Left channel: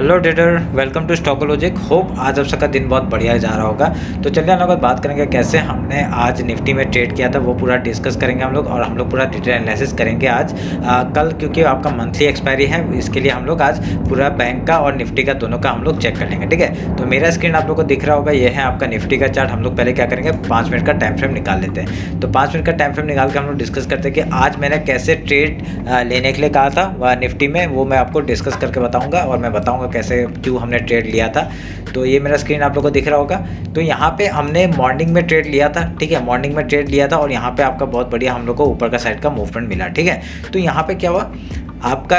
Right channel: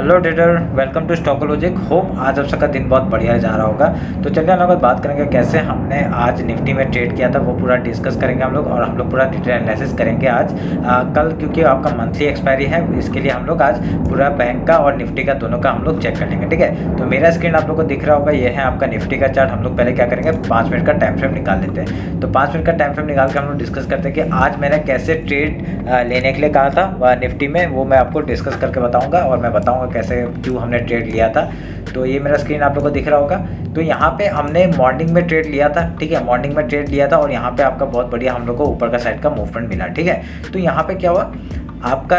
Hello trader, welcome to Stockologic. Hope आज आप सबका दिन बहुत बढ़िया जा रहा होगा। तो चलिए हम लोग बात करेंगे कैसे हमने आज निफ्टी में ट्रेड किया था, वो पूरा डिस्कस करेंगे हम लोग और हम लोग पूरा डिटेल एनालिसिस करेंगे आज कल, क्योंकि आपका मंथली एक्सपायरी है। इसके लिए हम लोग आज पूरा बैंक का और निफ्टी का दोनों का हम लोग चेक कर लेंगे। ठीक है, तो मेरा स्क्रीन आप लोग को दिख रहा होगा, ये है आपका निफ्टी का चार्ट। हम लोग पहले क्या करेंगे, 5 मिनट का टाइम फ्रेम निकाल लेते हैं। तो 5 मिनट का टाइम फ्रेम निकाल के हम लोग डिस्कस करते हैं कि आज मैंने कैसे ट्रेड लेने के लिए कहा था वह निफ्टी में, वो मैं आपको डिस्कस करके बताऊंगा और मैं बताऊंगा कैसे क्यों हमने ट्रेड लिया था। तो ये मेरा स्क्रीन आप लोगों को दिख रहा होगा। तो यहाँ पे हमने मॉर्निंग में ट्रेड लिया था। ठीक है, मॉर्निंग में ट्रेड लिया था और यहाँ पे आपका बहुत बढ़िया हम लोग को ऊपर का साइड का मूवमेंट मिला। ठीक है, तो यहाँ पे क्या हुआ आपका,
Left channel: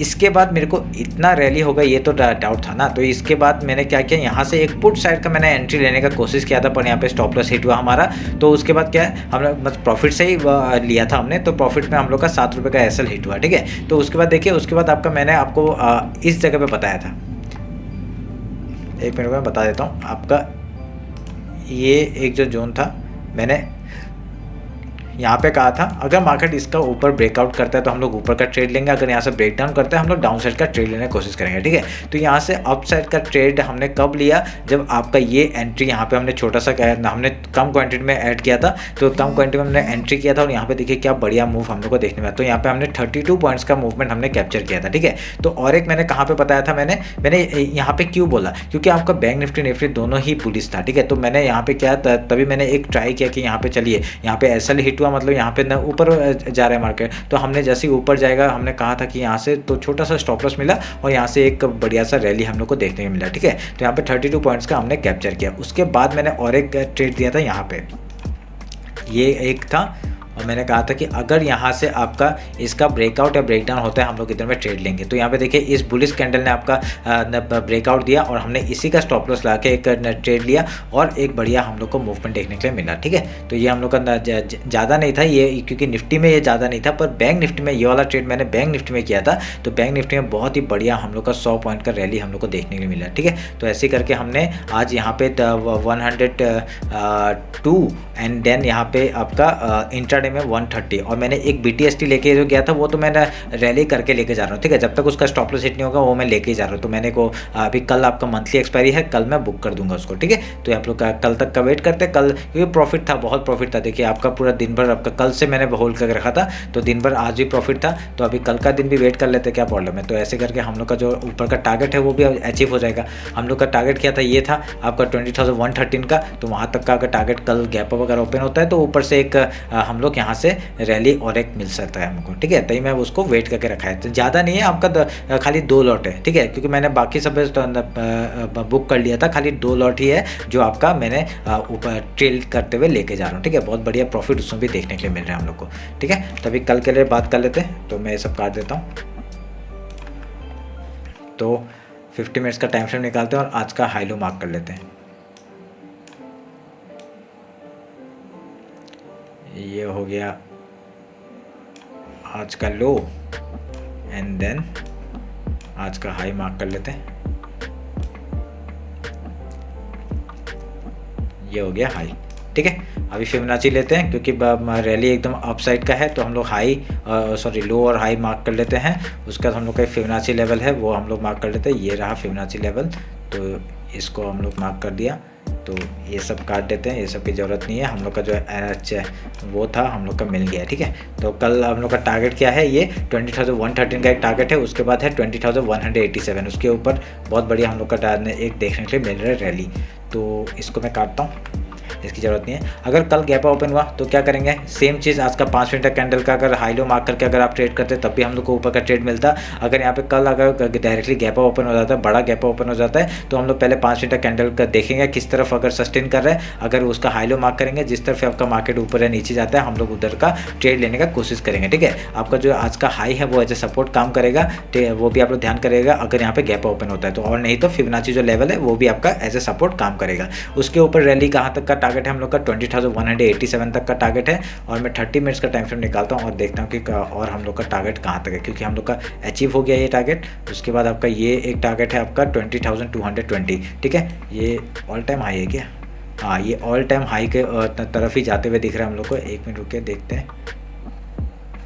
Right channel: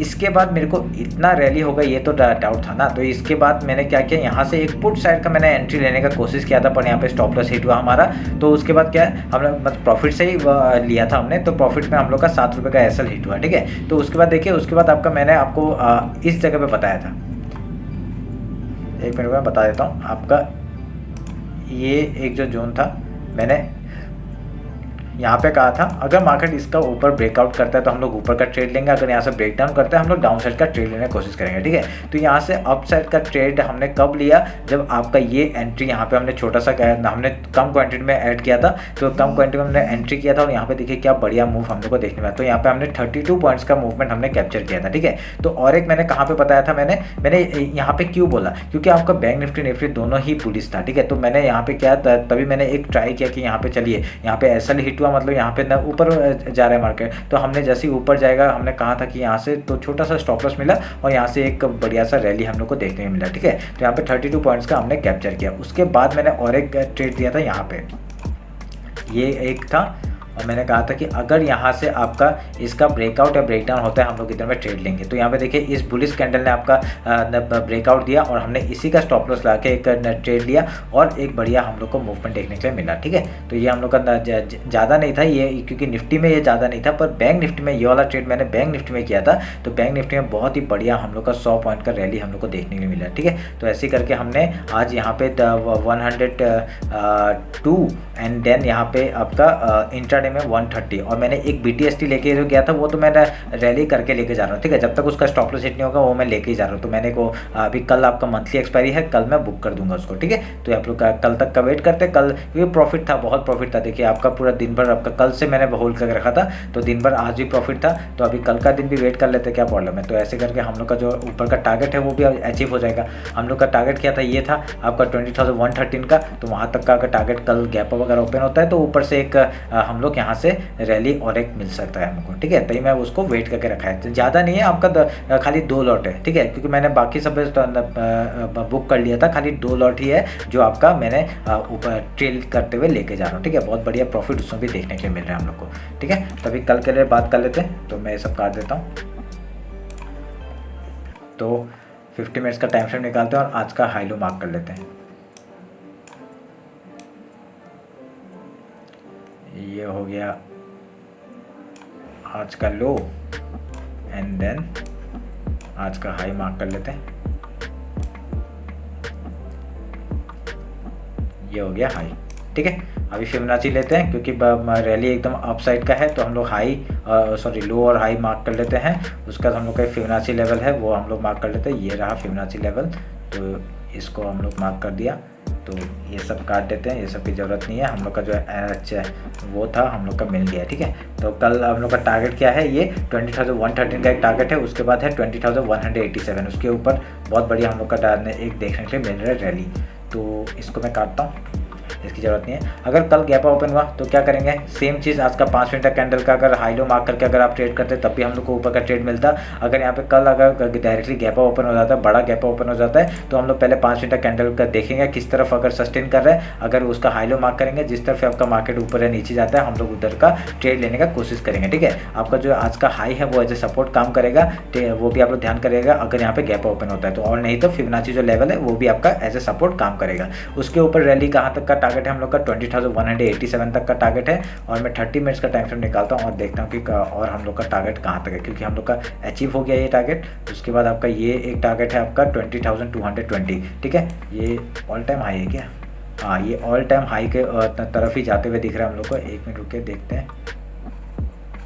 इसके बाद मेरे को इतना रैली होगा ये तो डाउट था ना। तो इसके बाद मैंने क्या किया, यहाँ से एक पुट साइड का मैंने एंट्री लेने का कोशिश किया था, पर यहाँ पे स्टॉप लॉस हिट हुआ हमारा। तो उसके बाद क्या है, हमने मतलब प्रॉफिट से ही लिया था हमने, तो प्रॉफिट में हम लोग का 7 रुपये का एसएल हिट हुआ। ठीक है, तो उसके बाद देखिए, उसके बाद आपका मैंने आपको इस जगह पे बताया था, एक मिनट में बता देता हूँ आपका। ये एक जो जोन था, मैंने यहाँ पे कहा था अगर मार्केट इसका ऊपर ब्रेकआउट करता है तो हम लोग ऊपर का ट्रेड लेंगे, अगर यहाँ से ब्रेक डाउन करता है हम लोग डाउन साइड का ट्रेड लेने की कोशिश करेंगे। ठीक है, तो यहाँ से अप साइड का ट्रेड हमने कब लिया, जब आपका ये एंट्री यहाँ पे हमने छोटा सा हमने कम क्वांटिटी में ऐड किया था। तो कम क्वांटिटी में हमने एंट्री किया था और यहाँ पे देखिए क्या बढ़िया मूव हम लोग को देखने में। तो यहाँ पे हमने 32 पॉइंट्स का मूवमेंट हमने कैप्चर किया था। ठीक है, तो और एक मैंने कहाँ पे बताया था, मैंने यहाँ पे क्यों बोला, क्योंकि आपका बैंक निफ्टी दोनों ही पुलिस था। ठीक है, तो मैंने यहाँ पे क्या तभी मैंने एक ट्राई किया कि यहाँ पे चलिए, यहाँ पे एसएल हिट हुआ, मतलब यहाँ पे ना ऊपर जा रहा है मार्केट। तो हमने जैसे ही ऊपर जाएगा, हमने कहा था कि यहाँ से तो छोटा सा स्टॉप लॉस मिला और यहाँ से एक बढ़िया सा रैली हम लोग को देखने को मिला। ठीक है, तो यहाँ पे 32 पॉइंट्स का हमने कैप्चर किया। उसके बाद मैंने और एक ट्रेड दिया था यहाँ पे, ये एक था और मैंने कहा था कि अगर यहाँ से आपका इसका ब्रेकआउट या ब्रेकडाउन होता है हम लोग इधर में ट्रेड लेंगे। तो यहाँ पे देखिए इस बुलिश कैंडल ने आपका ब्रेकआउट दिया और हमने इसी का स्टॉप लॉस लगा के एक ट्रेड लिया और एक बढ़िया हम लोग को मूवमेंट देखने के लिए मिला। ठीक है, तो ये हम लोग का ज़्यादा नहीं था ये, क्योंकि निफ्टी में ये ज़्यादा नहीं था, पर बैंक निफ्टी में ये वाला ट्रेड मैंने बैंक निफ्टी में किया था। तो बैंक निफ्टी में बहुत ही बढ़िया हम लोग का 100 पॉइंट का रैली हम लोग को देखने के लिए मिला। ठीक है, तो ऐसे करके हमने आज यहाँ पे 102 एंड देन यहाँ पे आपका इंट्राडे में 130 और मैंने एक BTST लेके जो गया था वो तो मैंने रैली करके लेके जा रहा हूँ। ठीक है, जब तक उसका स्टॉप लॉस हिट नहीं होगा वो मैं लेके ही जा रहा हूँ। तो मैंने को अभी कल आपका मंथली एक्सपायरी है, कल मैं बुक कर दूंगा उसको। ठीक है, तो आप लोग कल तक का वेट करते हैं। कल क्योंकि प्रॉफिट था, बहुत प्रॉफिट था। देखिए आपका पूरा दिन भर आपका कल से मैंने होल्ड करके रखा था, तो दिन भर आज भी प्रॉफिट था। तो अभी कल का दिन भी वेट कर लेते, क्या प्रॉब्लम है। तो ऐसे करके हम लोग का जो ऊपर का टारगेट है वो भी अचीव हो जाएगा। हम लोग का टारगेट क्या था, ये था आपका 20,113 का। तो वहाँ तक का अगर टारगेट कल गैप अप अगर ओपन होता है तो ऊपर से एक हम लोग यहाँ से रैली और एक मिल सकता है हमको। ठीक है, तभी मैं उसको वेट करके रखा है। तो ज़्यादा नहीं है आपका, खाली 2 लॉट है। ठीक है, क्योंकि मैंने बाकी सब बुक कर लिया था, खाली 2 लॉट ही है जो आपका मैंने ऊपर ट्रेल करते हुए लेके जा रहा हूँ। ठीक है, बहुत बढ़िया प्रॉफिट उसमें भी देखने के लिए मिल रहा है हम लोग को। ठीक है, तभी कल के लिए बात कर लेते हैं। तो मैं ये सब काट देता हूँ। तो 50 मिनट्स का टाइम फ्रेम निकालते हैं और आज का हाई लो मार्क कर लेते हैं। ये हो गया आज का लो एंड देन आज का हाई मार्क कर लेते हैं। ये हो गया हाई। ठीक है, अभी फिबोनाची लेते हैं क्योंकि रैली एकदम अप साइड का है, तो हम लोग लो और हाई मार्क कर लेते हैं। उसके बाद हम लोग का फिबोनाची लेवल है वो हम लोग मार्क कर लेते हैं। ये रहा फिबोनाची लेवल, तो इसको हम लोग मार्क कर दिया। तो ये सब काट देते हैं, ये सब की ज़रूरत नहीं है। हम लोग का जो वो था हम लोग का मिल गया। ठीक है, तो कल हम लोग का टारगेट क्या है, ये 20,113 का एक टारगेट है। उसके बाद है 20,187, उसके ऊपर बहुत बढ़िया हम लोग का एक देखने के लिए मिल रहा है रैली। तो इसको मैं काटता हूँ, इसकी ज़रूरत नहीं है। अगर कल गैप ओपन हुआ तो क्या करेंगे, सेम चीज़ आज का 5 मिनट का कैंडल का अगर हाई लो मार्क करके अगर आप ट्रेड करते तब भी हम लोग को ऊपर का ट्रेड मिलता। अगर यहाँ पे कल अगर डायरेक्टली गैप ओपन हो जाता है, बड़ा गैप ओपन हो जाता है, तो हम लोग पहले 5 मिनट का कैंडल का देखेंगे किस तरफ अगर सस्टेन कर रहा है। अगर उसका हाई लो मार्क करेंगे, जिस तरफ आपका मार्केट ऊपर या नीचे जाता है हम लोग उधर का ट्रेड लेने का कोशिश करेंगे। ठीक है, आपका जो आज का हाई है वो एज ए सपोर्ट काम करेगा, वो भी आप लोग ध्यान करेगा अगर यहाँ पे गैप ओपन होता है तो। और नहीं तो फिबोनाची जो लेवल है वो भी आपका एज ए सपोर्ट काम करेगा। उसके ऊपर रैली कहाँ तक का टारगेट है हम लोग का 20,187 तक का टारगेट है। और मैं 30 मिनट्स का टाइम फ्रेम निकालता हूँ और देखता हूँ कि और हम लोग का टारगेट कहाँ तक है, क्योंकि हम लोग का अचीव हो गया ये टारगेट। उसके बाद आपका ये एक टारगेट है आपका 20,220। ठीक है, ये ऑल टाइम हाई है क्या, हाँ ये ऑल टाइम हाई के तरफ ही जाते हुए दिख रहा है हम लोग को। एक मिनट रुके देखते हैं।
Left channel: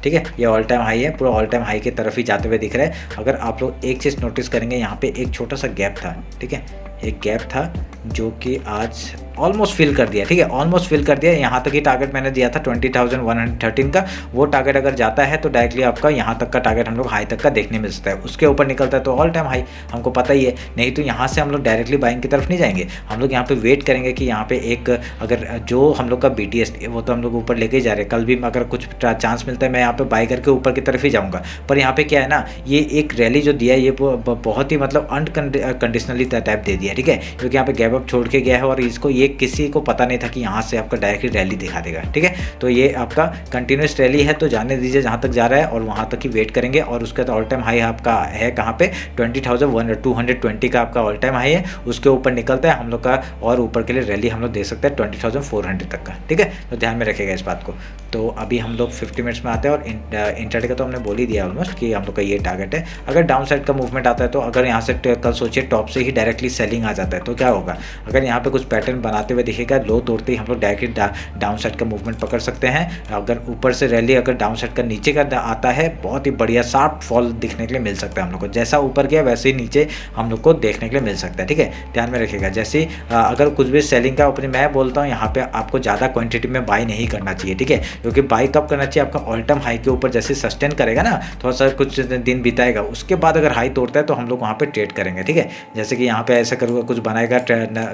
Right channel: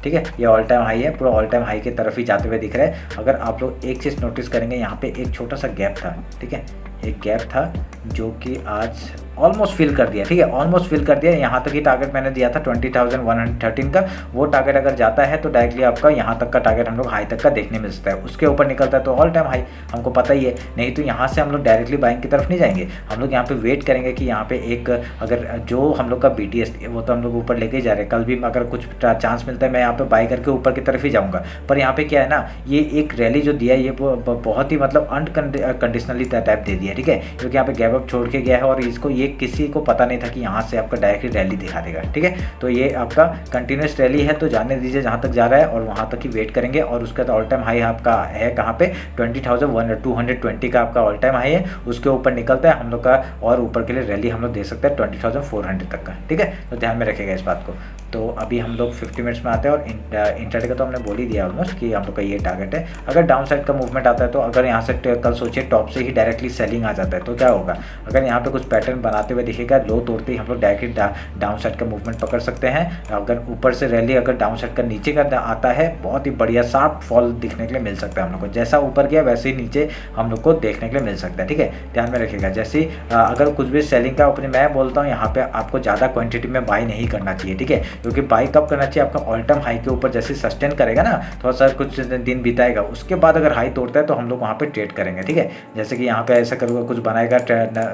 ठीक है, ये ऑल टाइम हाई है, पूरा ऑल टाइम हाई की तरफ ही जाते हुए दिख रहा है। अगर आप लोग एक चीज़ नोटिस करेंगे, यहाँ पे एक छोटा सा गैप था, ठीक है, एक गैप था जो कि आज ऑलमोस्ट फिल कर दिया, ठीक है, ऑलमोस्ट फिल कर दिया। यहाँ तक ही टारगेट मैंने दिया था 20,113 का, वो टारगेट अगर जाता है तो डायरेक्टली आपका यहाँ तक का टारगेट हम लोग हाई तक का देखने मिल सकता है। उसके ऊपर निकलता है तो ऑल टाइम हाई, हमको पता ही है। नहीं तो यहाँ से हम लोग डायरेक्टली बाइंग की तरफ नहीं जाएंगे, हम लोग यहाँ पे वेट करेंगे कि यहाँ पे एक अगर जो हम लोग का BTS वो तो हम लोग ऊपर लेके ही जा रहे हैं। कल भी अगर कुछ चांस मिलता है मैं यहाँ पे बाई करके ऊपर की तरफ ही जाऊँगा। पर यहाँ पे क्या है ना, ये एक रैली जो दिया है ये बहुत ही मतलब अनकंडीशनली टाइप दे दिया, ठीक है, क्योंकि यहाँ पे गैप अप छोड़ के गया है और इसको ये किसी को पता नहीं था कि यहाँ से आपका डायरेक्टली रैली दिखा देगा, ठीक है। तो ये आपका कंटिन्यूस रैली है, तो जाने दीजिए जहाँ तक जा रहा है और वहाँ तक ही वेट करेंगे। और उसके बाद ऑल टाइम हाई आपका है कहाँ पे, 20,220 का आपका ऑल टाइम हाई है। उसके ऊपर निकलता है हम लोग का और ऊपर के लिए रैली हम लोग दे सकते हैं 20,400 तक का, ठीक है। तो ध्यान में रखिएगा इस बात को। तो अभी हम लोग 50 मिनट्स में आते हैं और इंट्राडे का तो हमने बोल ही दिया ऑलमोस्ट कि हम लोग का ये टारगेट है। अगर डाउन साइड का मूवमेंट आता है तो अगर यहाँ से कल सोचिए टॉप से ही डायरेक्टली सेलिंग आ जाता है तो क्या होगा, अगर यहाँ पे कुछ पैटर्न बनाते हुए दिखेगा, लो तोड़ते ही हम लोग डायरेक्टली डाउन साइड का मूवमेंट पकड़ सकते हैं। अगर ऊपर से रैली अगर डाउन साइड का नीचे का आता है, बहुत ही बढ़िया शार्प फॉल दिखने के लिए मिल सकता है हम लोग को। जैसा ऊपर गया वैसे ही नीचे हम लोग को देखने के लिए मिल सकता है, ठीक है। ध्यान में रखिएगा, जैसे अगर कुछ भी सेलिंग का अपने मैं बोलता हूँ यहाँ पे आपको ज़्यादा क्वांटिटी में बाई नहीं करना चाहिए, ठीक है, क्योंकि बाई कब करना चाहिए, आपका ऑल टाइम हाई के ऊपर जैसे सस्टेन करेगा ना, थोड़ा सा कुछ दिन बिताएगा, उसके बाद अगर हाई तोड़ता है तो हम लोग वहाँ पे ट्रेड करेंगे, ठीक है। जैसे कि यहाँ पे ऐसा करूँगा, कुछ बनाएगा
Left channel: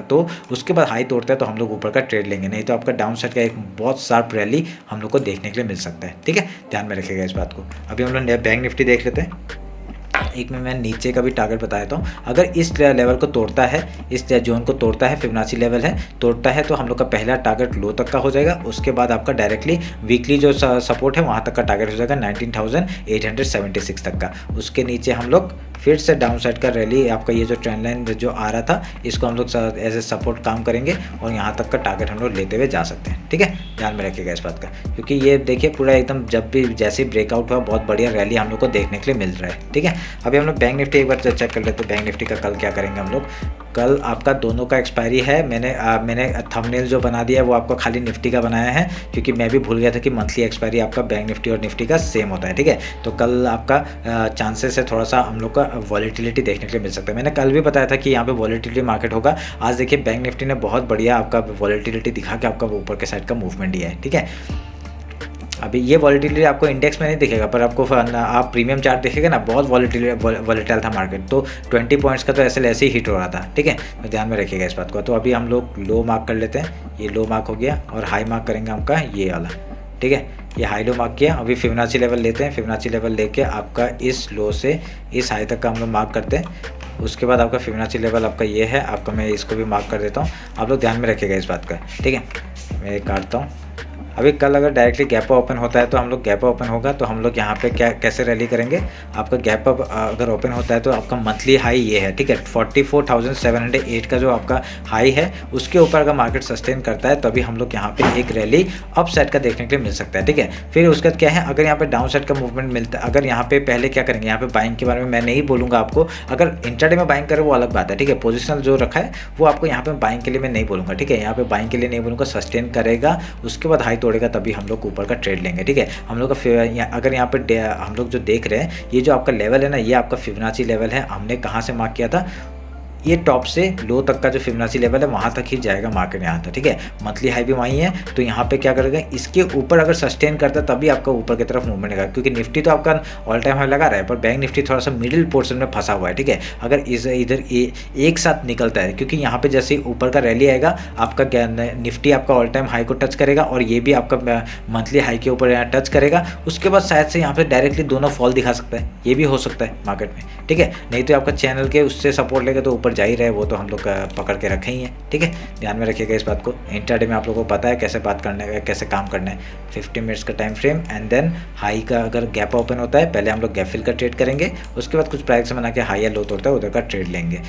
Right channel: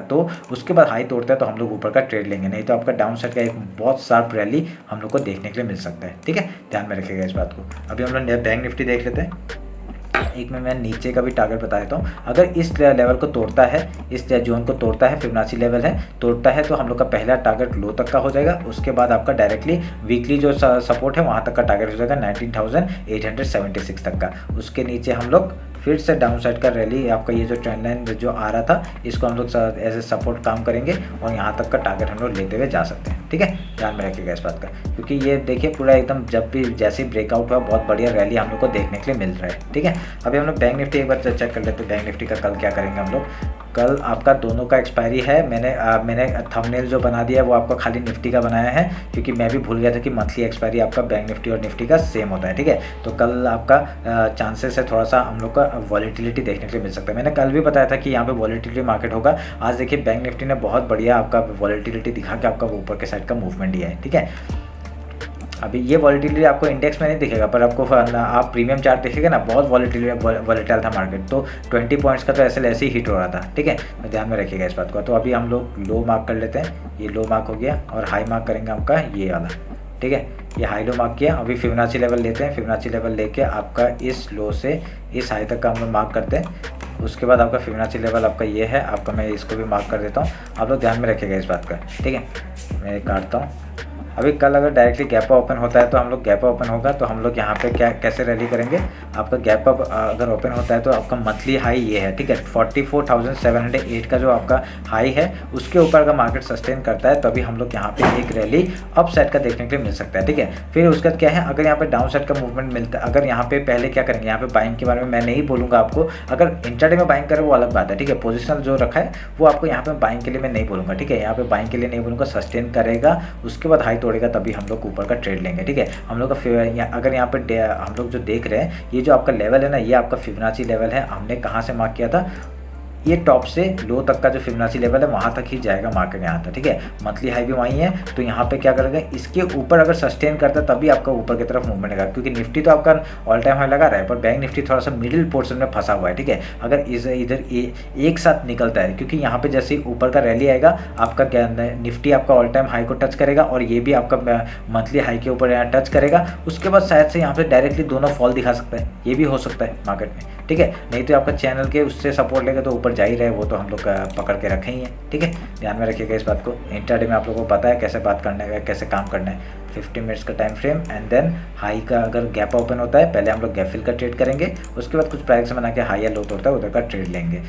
तो उसके बाद हाई तोड़ता है तो हम लोग ऊपर का ट्रेड लेंगे, नहीं तो आपका डाउन साइड का एक बहुत शार्प रैली हम लोग को देखने के लिए मिल सकता है, ठीक है। ध्यान में रखिएगा इस बात को। अभी हम लोग बैंक निफ्टी देख लेते हैं। एक में मैं नीचे का भी टारगेट बता देता हूँ। अगर इस लेवल को तोड़ता है, इस जोन को तोड़ता है, फिबोनाची लेवल है, तोड़ता है तो हम लोग का पहला टारगेट लो तक का हो जाएगा। उसके बाद आपका डायरेक्टली वीकली जो सपोर्ट है वहाँ तक का टारगेट हो जाएगा 19,876 तक का। उसके नीचे हम लोग फिर से डाउन साइड का रैली, आपका ये जो ट्रेंड लाइन जो आ रहा था इसको हम लोग एज ए सपोर्ट काम करेंगे और यहाँ तक का टारगेट हम लोग लेते हुए जा सकते हैं, ठीक है। ध्यान में रखिएगा इस बात का, क्योंकि ये देखिए पूरा एकदम जब भी जैसे ही ब्रेकआउट हुआ बहुत बढ़िया रैली हम लोग को देखने के लिए मिल रहा है, ठीक है। अभी हम लोग बैंक निफ्टी एक बार चेक कर लेते हैं। बैंक निफ्टी का कल क्या करेंगे हम लोग। कल आपका दोनों का एक्सपायरी है। मैंने थंबनेल जो बना दिया है वो आपका खाली निफ्टी का बनाया है, क्योंकि मैं भी भूल गया था कि मंथली एक्सपायरी आपका बैंक निफ्टी और निफ्टी का सेम होता है, ठीक है। तो कल आपका चांसेस है थोड़ा सा हम लोग का वॉलेटिलिटी देखने के लिए मिल सकता है। मैंने कल भी बताया था कि यहाँ पे वॉलेटिलिटी मार्केट होगा। आज देखिए बैंक निफ्टी ने बहुत बढ़िया आपका वॉलेटिलिटी दिखा के आपका ऊपर के साइड का मूवमेंट दिया है, ठीक है। अभी ये वॉलेटिलिटी आपको इंडेक्स में नहीं दिखेगा, पर आपको आप प्रीमियम चार्ट देखेगा ना, बहुत वॉलेटाइल था मार्केट। तो 20 पॉइंट्स का तो ऐसे ही हिट हो रहा था, ठीक है। तो ध्यान में रखिएगा इस बात को। तो अभी हम लोग लो मार्क कर लेते हैं, ये लो मार्क हो गया और हाई मार्क करेंगे आपका ये वाला, ठीक है। ये हाई लो मार्क किया। अभी फिबोनाची लेवल लेते हैं। फिबोनाची लेवल लेके आपका इस लो से इस हाई तक का हम लोग मार्क करते हैं। उसके बाद आपका फिबोनाची लेवल आपका ये है, आपका मैं इसको भी मार्क कर देता हूँ। आप लोग ध्यान में रखिएगा इस बात का, ठीक है। मैं काटता हूँ। अभी कल अगर डायरेक्टली गैप ओपन होता है तो हम लोग गैप ओपन होगा तो हम लोग यहाँ पे कैसे रैली करेंगे। आपका गैप अप अगर ओपन होता है तो आपका मंथली हाई ये है, ठीक है, 44,708 का जो आपका हाई है उसके ऊपर अगर मार्केट सस्टेन करता है तभी हम लोग यहाँ पे एक रैली अप साइड का देखने के लिए मिल सकता है, ठीक है। फिर उसके बाद क्या है, अगर यहाँ पे डाउन साइड का मूवमेंट मिलता है, अगर यहाँ पे पहले क्या करेंगे, यहाँ पे बाइंग के बारे में मैं नहीं बोलूँगा आपको। अगर इंट्राडे में बाइंग करें वो अलग बात है, ठीक है। पोजिशनल जो रखा है वो आपको यहाँ पे बाइंग के लिए मैं नहीं बोलूँगा, ठीक है। यहाँ पे बाइंग के लिए नहीं बोलूँगा, सस्टेन करेगा उसके बाद हाई तोड़ेगा तभी हम लोग ऊपर का ट्रेड लेंगे, ठीक है। हम लोग का अगर यहाँ पे हम लोग जो देख रहे हैं ये जो आपका लेवल है ना, ये आपका फिबोनाची लेवल है। हमने कहाँ से मार्क किया था, ये टॉप से लो तक का जो फिबोनाची लेवल है वहाँ तक ही जाएगा मार्केट यहाँ तक, ठीक है। मंथली हाई भी वहीं है। तो यहाँ पे क्या करेगा, इसके ऊपर अगर सस्टेन करता है तभी आपका ऊपर की तरफ मूवमेंट आएगा, क्योंकि निफ्टी तो आपका ऑल टाइम हाई लगा रहा है पर बैंक निफ्टी थोड़ा सा मिडिल पोर्शन में फंसा हुआ है, ठीक है। अगर इधर एक साथ निकलता है, क्योंकि यहाँ पे जैसे ऊपर का रैली आएगा आपका निफ्टी आपका ऑल टाइम हाई को टच करेगा और ये भी आपका मंथली हाई के ऊपर यहाँ टच करेगा। उसके बाद शायद से यहाँ पे डायरेक्टली दोनों फॉल दिखा सकता है, ये भी हो सकता है मार्केट में, ठीक है। नहीं तो आपका चैनल के उससे सपोर्ट लेगा तो ऊपर जा ही रहे, वो तो हम लोग पकड़ के रखे ही हैं, ठीक है। ध्यान में रखिएगा इस बात को। इंट्राडे में आप लोगों को पता है कैसे बात करने का, कैसे काम करना है। 50 मिनट्स का टाइम फ्रेम एंड देन हाई का अगर गैप ओपन होता है पहले हम लोग गैप फिल का ट्रेड करेंगे, उसके बाद कुछ प्राइस बना के हाई या लो तोड़ता है उधर का ट्रेड लेंगे।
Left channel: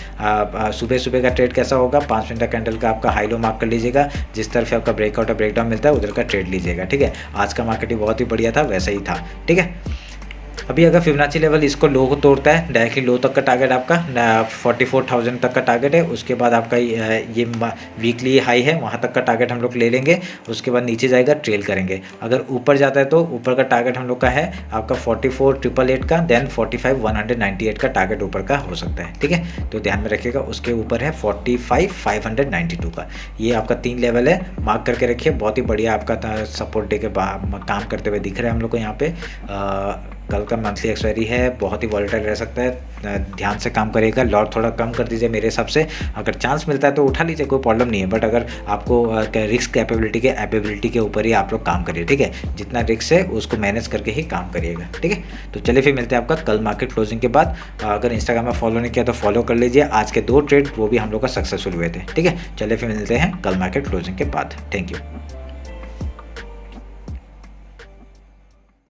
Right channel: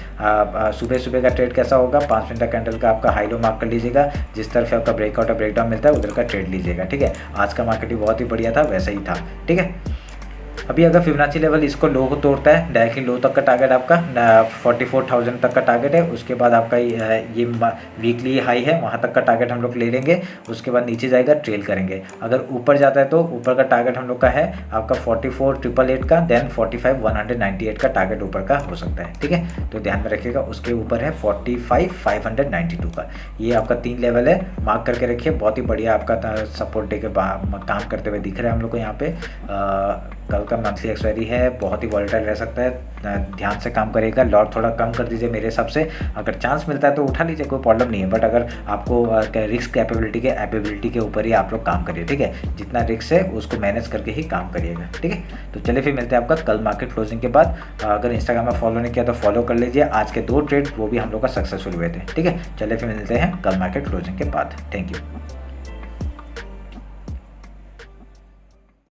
सुबह का ट्रेड कैसा होगा, 5 मिनट का कैंडल का आपका हाई लो मार्क कर लीजिएगा, जिस तरफ आपका ब्रेकआउट और ब्रेकडाउन मिलता है उधर का ट्रेड लीजिएगा, ठीक है। आज का मार्केट बहुत ही बढ़िया था, वैसा ही था, ठीक है। अभी अगर फिबोनाची लेवल इसको लो को तोड़ता है, डायरेक्टली लो तक का टारगेट आपका 44,000 तक का टारगेट है। उसके बाद आपका ये वीकली हाई है, वहाँ तक का टारगेट हम लोग ले लेंगे। उसके बाद नीचे जाएगा, ट्रेल करेंगे। अगर ऊपर जाता है तो ऊपर का टारगेट हम लोग का है आपका 44,888 का, देन 45,198 का टारगेट ऊपर का हो सकता है। ठीक है, तो ध्यान में रखिएगा। उसके ऊपर है 45,592 का। ये आपका 3 लेवल है, मार्क करके रखिए। बहुत ही बढ़िया आपका सपोर्ट डे के काम करते हुए दिख रहा है हम लोग को यहाँ पे। कल का मंथली एक्सपायरी है, बहुत ही वॉलेटाइल रह सकता है, ध्यान से काम करिएगा। लॉट थोड़ा कम कर दीजिए मेरे हिसाब से। अगर चांस मिलता है तो उठा लीजिए, कोई प्रॉब्लम नहीं है। बट अगर आपको रिस्क एबिलिटी के ऊपर ही आप लोग काम करिए। ठीक है, जितना रिस्क है उसको मैनेज करके ही काम करिएगा। ठीक है, तो चलिए फिर मिलते हैं आपका कल मार्केट क्लोजिंग के बाद। अगर इंस्टाग्राम में फॉलो नहीं किया तो फॉलो कर लीजिए। आज के 2 ट्रेड वो भी हम लोग का सक्सेसफुल हुए थे। ठीक है, चलिए फिर मिलते हैं कल मार्केट क्लोजिंग के बाद। Thank you.